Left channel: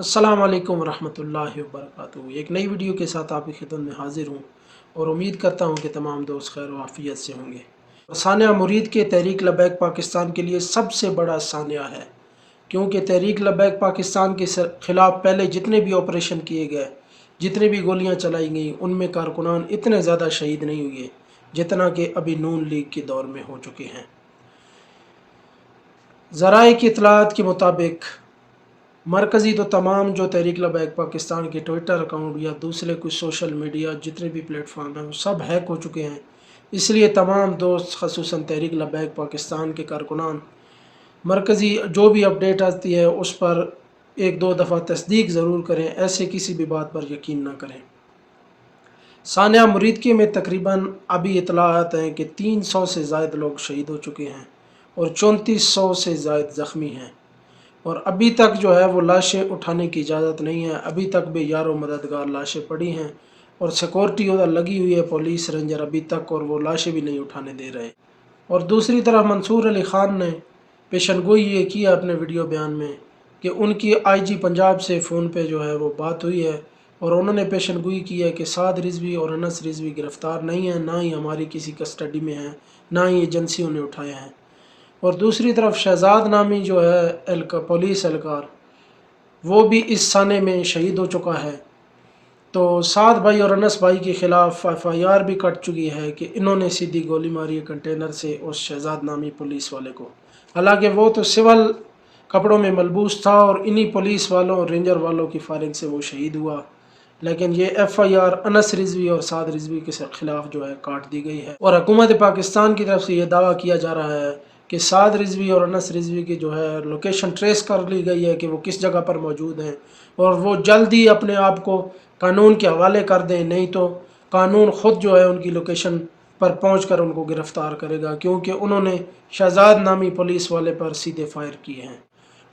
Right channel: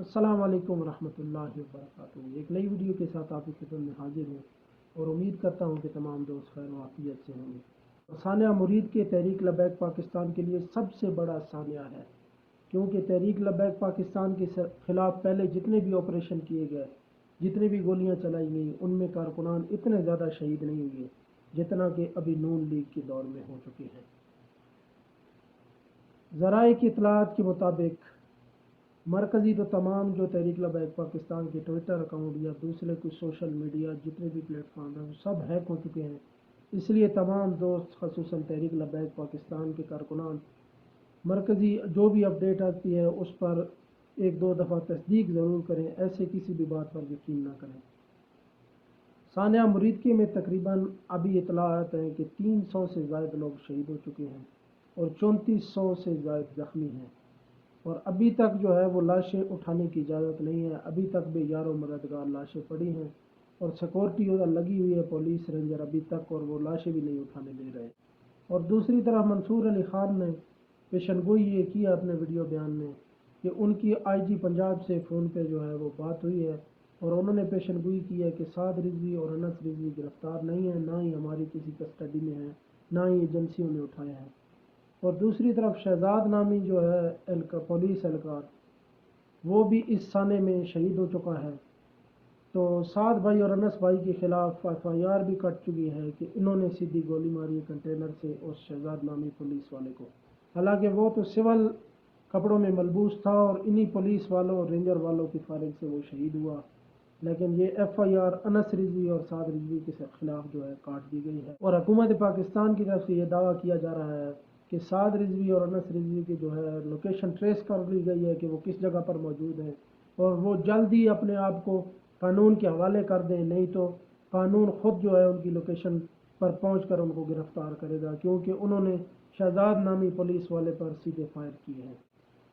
अस्सलाम वालेकुम वरहमतुल्लाहि वबरकातुहू। एक नई वीडियो के साथ आपकी खिदमत में हाजिर हूँ और उम्मीद करता हूँ कि तमाम दोस्त खैर व आफियत से होंगे। सानिया मुरीद के तहरीक लबैक पाकिस्तान के लिए सबसे बड़ा सानिया है, क्योंकि तहरीक लबैक पाकिस्तान के ख़िलाफ़ पहले जितने भी ऑपरेशन किए गए, जितनी भी गोलियाँ चलाई गई, उनमें कारकुनान इतने ज़्यादा शहीद नहीं हुए जितना कि अभी नून लीग के दौर में हो चुके हैं। ज़राए की इत्तलात के मुताबिक मरकज़ी तो तमाम जो तहरीक लबैक पाकिस्तान के ट्विटर अकाउंट या दूसरे कुछ सोशल मीडिया जितने भी प्लेटफॉर्म हैं वो सब हैक हो चुके हैं। इसलिए तमाम दोस्त ख़ुसूसन तहरीक लबैक पाकिस्तान के कारकुनान मरकज़ी जो भी अपडेट आती है उस पर एक दो दफ़ा तस्दीक ज़रूर करें, ऐसे किसी भी बात पर यकीन ना करें। सानिया मुरीदकी में तकरीबन अभी इतलात हैं कि 300 से ज़ायद लोग शहीद हो चुके हैं और 3400 से ज़ायद ज़ख्मी हैं, और अभी तक जो है वो लाशें उठाने की इजाज़त नहीं है। अभी तक बेयारो मददगार लाशें पड़ी हैं और सिक्योरिटी उधर लगी हुई है, पुलिस रेंजर अभी तक, और वो लाशें भी नहीं उठाने दे रहे। और दूसरी तरफ मंसूर अली ख़ान ने पेशनगोई ये किया अपने वीडियो बयान में कि उनकी आईजी पंजाब से फ़ोन पे जो है वो बात हुई है और उन्होंने पेशनगोई की है कि साद रिजवी और अनस रिजवी गिरफ़्तार नहीं हैं, ना ही हमारी किसी कस्टडी में हैं, ना ही एजेंसियों ने उठाए हैं। और दूसरी तरफ शहजाद नामी जो है पुलिस एहलकार, वो भी इस साने में शहीद हो चुका है। तो साद भाई और अनस भाई के ख़िलाफ़ FIR भी कट चुकी है कि इन्होंने सीधी गोली मारी है कंटेनर से उस शहजाद नामी पुलिस वाले को। हालांकि वो तो सिविल कपड़ों में मलबूस था और इन्हीं पुलिस वालों और रेंजर वालों की फायरिंग से वो शहीद हुआ, लेकिन ये FIR अनस रिजवी और साद रिजवी के ख़िलाफ़ जो है काट दी गई है। और हुकूमत पाकिस्तान की तरफ से ये दावा किया जा रहा है कि साद रिजवी और अनस रिजवी की जो है लोकेशन ट्रेस कर ली गई है कि वो किस जगह पर मौजूद हैं, और वो जल्द ही अपने आप को कानून के हवाले कर दें, नहीं तो कानून ख़ुद जो है उनकी लोकेशन पर पहुँच कर उनको गिरफ़्तार करेगा, क्योंकि उन्होंने शहजाद नामी पुलिस वाले पर सीधे फायर किए हैं।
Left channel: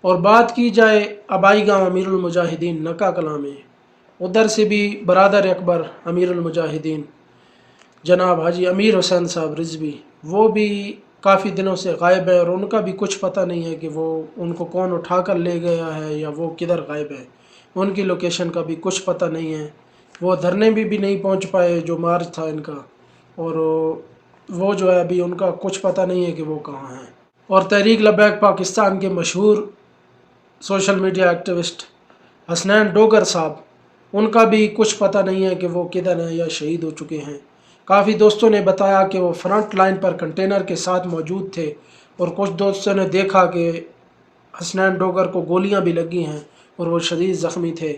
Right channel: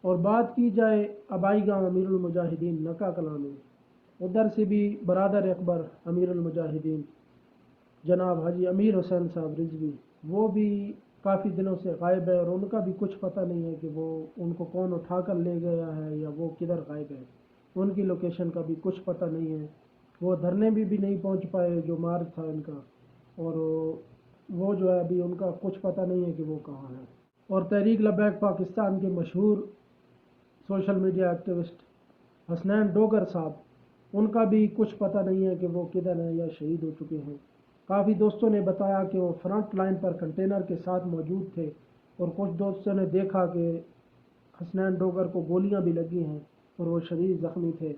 और बात की जाए आबाई गाँव अमीरुल मुजाहिदीन नका कलां में, उधर से भी बरादर अकबर अमीरुल मुजाहिदीन जनाब हाजी अमीर हुसैन साहब रिजवी, वो भी काफ़ी दिनों से गायब है और उनका भी कुछ पता नहीं है कि वो उनको कौन उठा कर ले गया है या वो किधर गायब है। उनकी लोकेशन का भी कुछ पता नहीं है। वो धरने भी नहीं पहुंच पाए जो मार्च था इनका, और वो जो है अभी उनका कुछ पता नहीं है कि वो कहाँ हैं। और तहरीक लबैक पाकिस्तान के मशहूर social media activist Hasnain Dogar साहब, उनका भी कुछ पता नहीं है कि वो किधर हैं या शहीद हो चुके हैं। काफ़ी दोस्तों ने बताया कि वो फ्रंट लाइन पर कंटेनर के साथ मौजूद थे और कुछ दोस्तों ने देखा कि हसनैन डोगर को गोलियां भी लगी हैं और वो शदीद ज़ख्मी थे।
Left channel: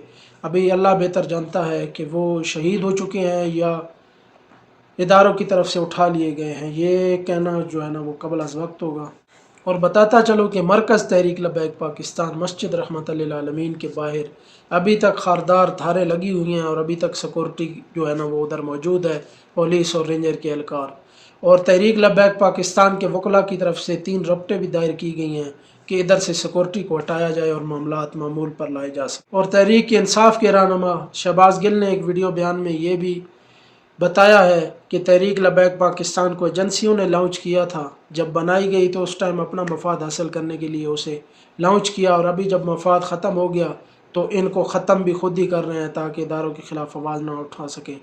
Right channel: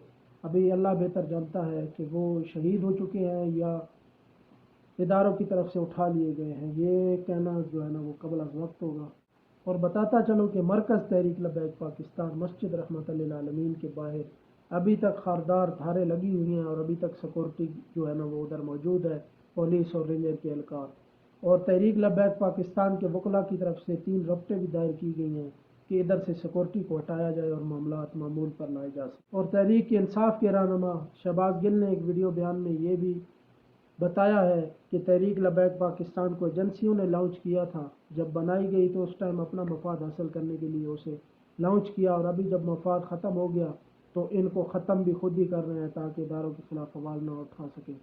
अभी अल्लाह बेहतर जानता है कि वो शहीद हो चुके हैं या इदारों की तरफ से उठा लिए गए हैं, ये कहना जो है ना वो कबल अज़ वक्त होगा। और बताता चलो कि मरकज़ तहरीक लबैक पाकिस्तान मस्जिद रहमत लिल आलमीन के बाहर अभी तक खारदार धारें लगी हुई हैं और अभी तक सिक्योरिटी जो है ना वो उधर मौजूद है, पुलिस और रेंजर के एहलकार। और तहरीक लबैक पाकिस्तान के वकला की तरफ से 3 रपटें भी दायर की गई हैं कि इधर से सिक्योरिटी को हटाया जाए और मामलात मामूल पर लाए जा सकें। और तहरीक इंसाफ के रहनुमा शहबाज गिल ने एक वीडियो बयान में ये भी बताया है कि तहरीक लबैक पाकिस्तान को एजेंसियों ने लॉन्च किया था। जब बनाई गई तो उस टाइम अपना मफाद हासिल करने के लिए उसे लॉन्च किया, और अभी जब मफाद ख़त्म हो गया तो इनको ख़त्म भी खुद ही कर रहे हैं ताकि इदारों के ख़िलाफ़ आवाज़ ना उठा सकें।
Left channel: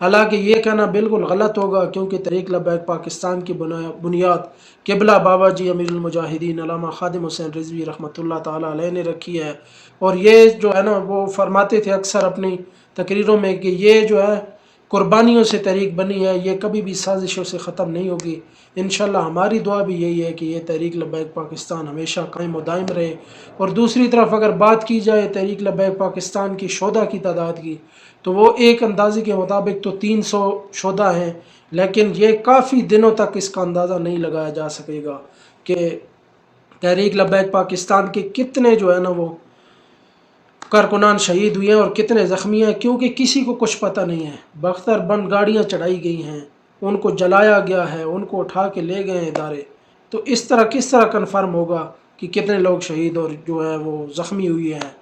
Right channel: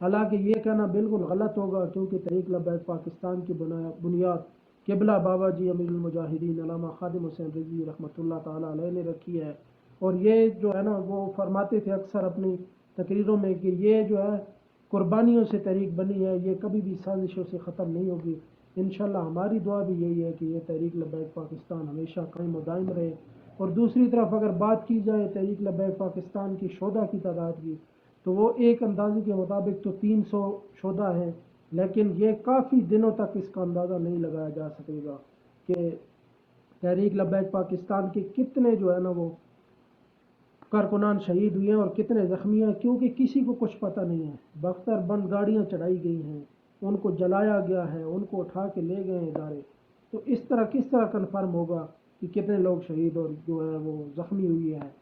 हालांकि ये कहना बिल्कुल गलत होगा, क्योंकि तहरीक लबैक पाकिस्तान की बुनियाद क़िबला बाबा जी अमीरुल मुजाहिदीन अल्लामा खादिम हुसैन रिजवी रहमतुल्लाह ताला अलैह ने रखी है। और ये जो है ना वो फरमाते थे अक्सर अपनी तकरीरों में कि ये जो है कुर्बानियों से तहरीक बनी है, ये कभी भी साजिशों से ख़त्म नहीं होगी। इंशाअल्लाह हमारी दुआ भी यही है कि ये तहरीक लबैक पाकिस्तान हमेशा कायम व दायम रहे। और दूसरी तरफ अगर बात की जाए तहरीक लबैक पाकिस्तान की शोधा की तादाद की, तो वो एक अंदाजे के मुताबिक तो 300 शोधा हैं, लेकिन ये काफ़ी दिनों तक इसका अंदाज़ा नहीं लगाया जा सकेगा कि तहरीक लबैक पाकिस्तान के कितने जो है ना वो कारकुनान शहीद हुए हैं और कितने ज़ख्मी हैं, क्योंकि किसी को कुछ पता नहीं है। बख्तर बंद गाड़ियाँ चढ़ाई गई हैं, उनको जलाया गया है, उनको उठा के ले गए हैं इदारे। तो इस तरह किस तरह कन्फर्म होगा कि कितने लोग शहीद और जो है वो ज़ख्मी हुए हैं?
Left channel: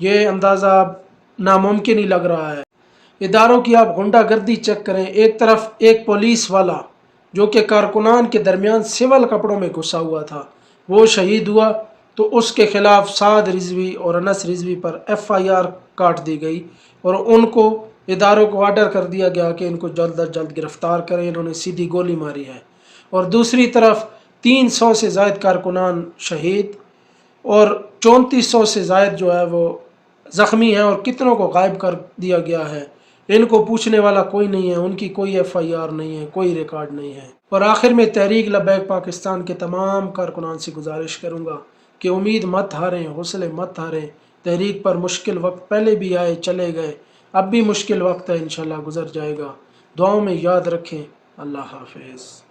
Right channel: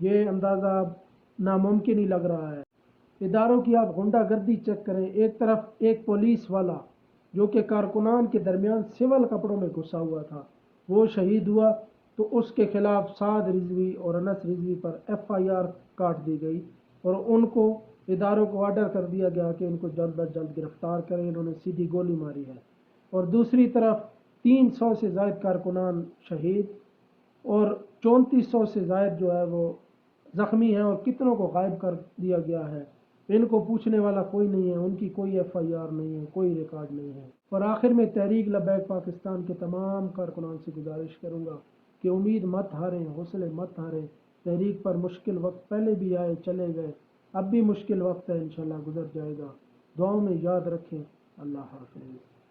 ये अंदाज़ा नामुमकिन ही लग रहा है। इदारों की आप गुंडागर्दी चेक करें। एक तरफ एक पुलिस वाला जो कि कारकुनान के दरमियान सिविल कपड़ों में घुसा हुआ था, वो शहीद हुआ, تو اس کے خلاف سعد رضوی اور انس رضوی پر FIR کاٹ دی گئی اور ان کو اداروں کو آرڈر کر دیا گیا کہ ان کو جلد از جلد گرفتار کریں، انہوں نے سیدھی گولی ماری ہے۔ اور دوسری طرف 300 سے زائد کارکنان شہید اور 3400 سے زائد جو ہے وہ زخمی ہیں، اور کتنوں کو غائب کر دیا گیا ہے۔ ان کو پوچھنے والا کوئی نہیں ہے، ان کی کوئی FIR نہیں ہے، کوئی ریکارڈ نہیں ہے۔ اور آخر میں تحریک لبیک پاکستان کے تمام کارکنان سے گزارش کروں گا کہ امید مت ہاریں، حوصلے مت ہاریں۔ تحریک پر مشکل وقت پہلے بھی آئے چلے گئے، اب بھی مشکل وقت ہے، انشاءاللہ گزر جائے گا۔ دعاؤں میں یاد رکھیں۔ اللہ حافظ۔